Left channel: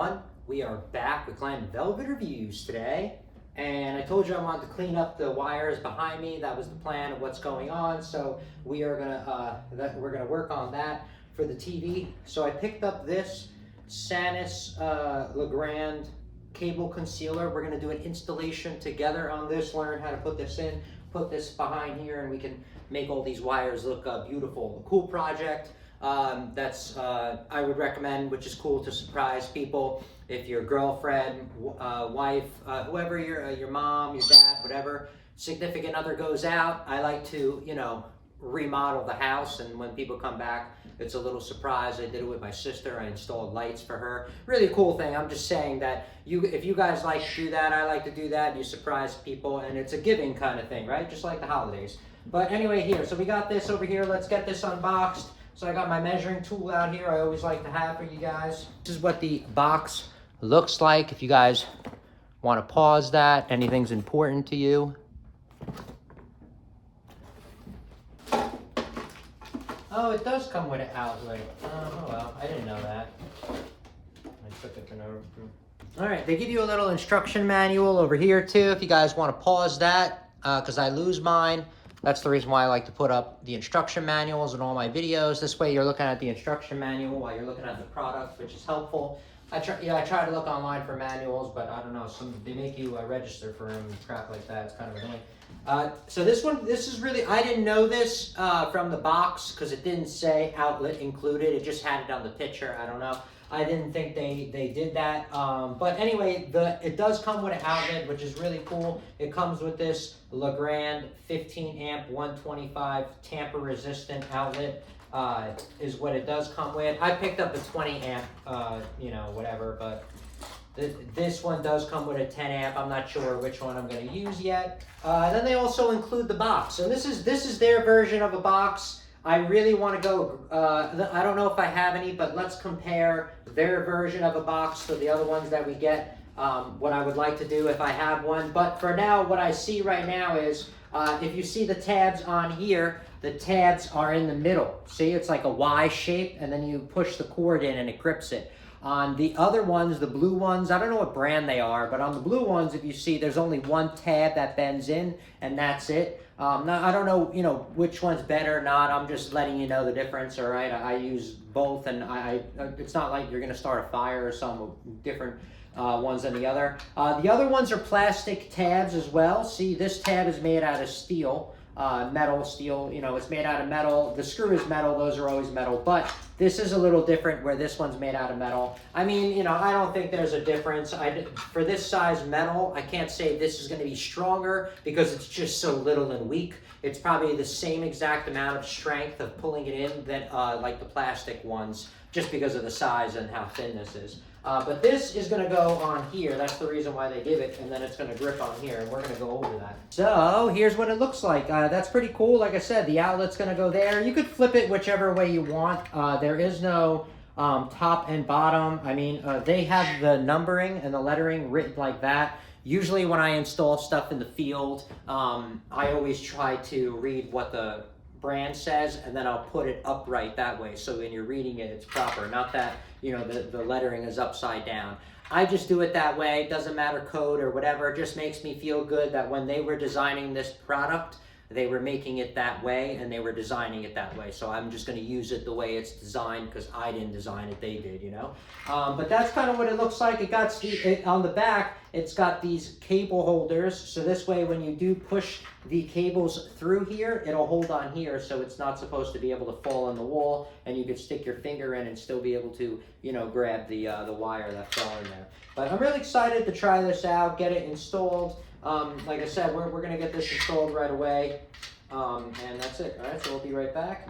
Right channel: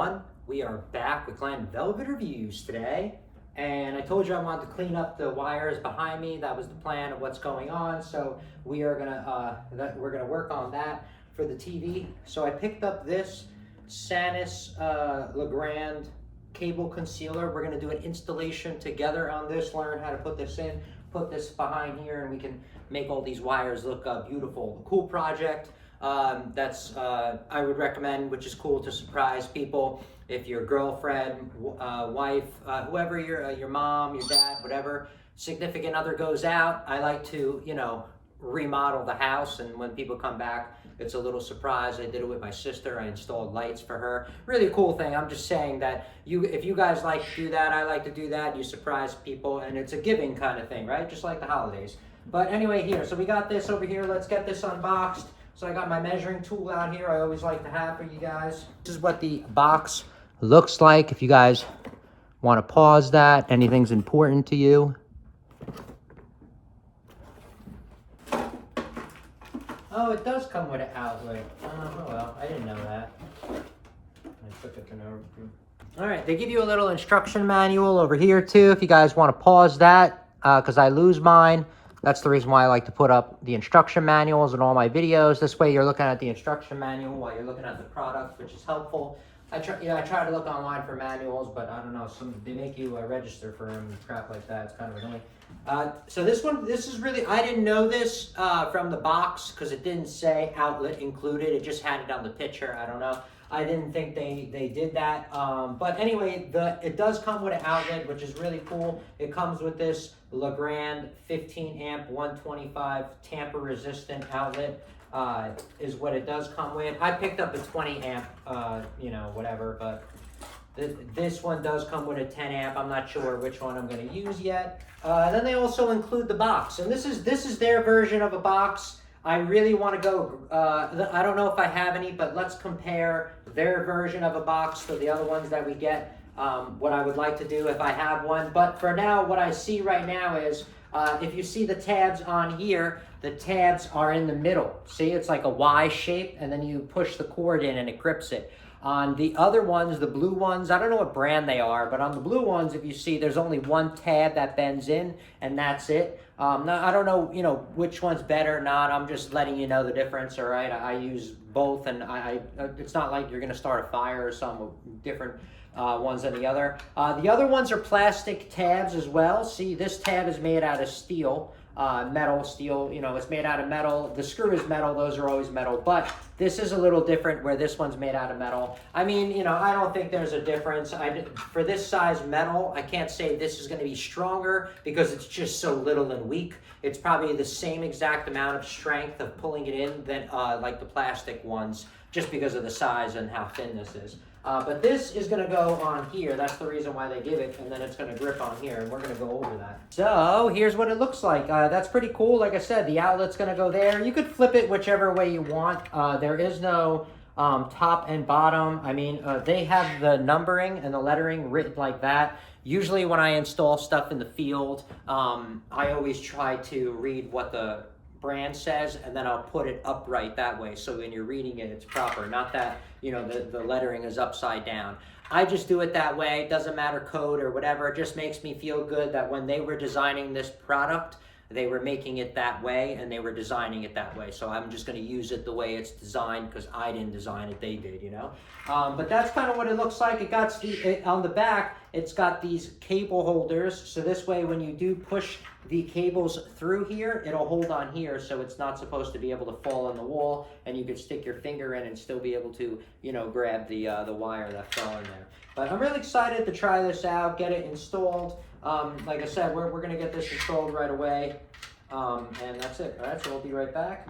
everyone. We are back with Glam Velvet Reviews today. And I told you I wanted to clean up the wires behind me. That was the plan of what's going on. So we are we're gonna work on that for the TV. So I picked up this Sanis Legrand cable concealer. We're gonna do an installation together on this, learn how to put this in, put this behind here, and we can make all these wires look beautiful. A cool project. I would recommend, which is cool to surprise people. If your girlfriend, wife, whoever your mom, your dad, whatever significant other goes out, I like to, remodel the house, and when people come back, it's a little surprise. I did it with my sister. I installed lights for her. Really cool thing. I'm just saying that if you guys like to do that, I like to do that. You surprise people, and it's a giving kind of thing, right? Just like the holidays. But anyway, here, so we got this over here. Let's get this unboxed. So I got my measuring tool out here. I always like to have for you guys. This is what the box looks like. If you guys want to pause that, anything's important to you. Oh, it does come with an outlet. Oh well, I didn't know that. I took it to know. All right, they give you a little instruction manual over here too, if you guys want to pause that, because I lose mine. That's the reason why I like to put up the instruction manuals in all my videos. This way you're looking at the instruction manual while you're looking at the product, which is helpful. I try to look online for manuals, but I don't know, they make you register for them and crap like that. It's kind of annoying. So this is really, I didn't know this from the box because it didn't say outlet included. It just had it on the picture. I don't know. I didn't think they did that. But anyway, it does come with an outlet, which is really cool. It comes with this Legrand 15 amp 125 tamper resistant outlet. Is what it does come with. I picked up a 20 amp, whatever, but this one does come with a 10 amp. I'm not sure which one I'm going to use yet. Then they also include the box, and this is their version of a box. I really want to go, I don't know if I have any, but let's compare their version of a box to the other ones that we get, what I would like to do if I have one. But for now, what I see right now is, if you see the tabs on here, the tabs are in the middle. See, it's like a Y shape, and then you push the cord in and it grips it. On the other ones, the blue ones, I don't know what brand they are, but on the blue ones, if you see, there's only one tab that bends in, and that's it. Now, I don't know, which one's better or not. I'm just letting you know the difference, all right? I use both, and it's not like you're gonna start a fire or some with different ones than the other. The other ones are plastic tabs as well. See, this tab is made out of steel. Metal, steel, it's made out of metal. The screw is metal, those are always metal, but this is a little different where this one's made out of metal. I mean, I don't think there's a difference. For this size metal, I can't say this is going to be stronger because it's just so little and weak. It's probably the same exact amount of strength of pulling it in than like the plastic ones, just because of the size and how thin this is. But this is going to go on here. That's the reason why they give it, and then it's going to grip on here, and we're going to go over that. So here's what it looks like. That's pretty cool. Like I said, the outlet's going to go there. You could flip it whichever way you want. There is no top and bottom. I mean, they have the numbering and the lettering written like that. Usually when I install stuff in the field, I always try to read what the brand says, and then I'll put it upright that way, so when you're reading it, it's proper, not that the lettering is upside down. I just do it that way. It doesn't matter code or whatever. It just makes me feel good that when they were designing this product, they were making it that way, and they were designing it that way. So I'm just going to use it the way it's designed because I didn't design it, they did, But that's kind of what it looks like. It got on the back, it's got these cable holders. So this way, when you do push the cables through here, it'll hold on here, so it's not supposed to be able to fall on the wall, and you could stick your finger in and still be able to, grab the wire that fell in there. But I'm really excited to try this out, get it installed. Like I said, we're going to get this installed right away, and that's it. All right, so we'll be right back.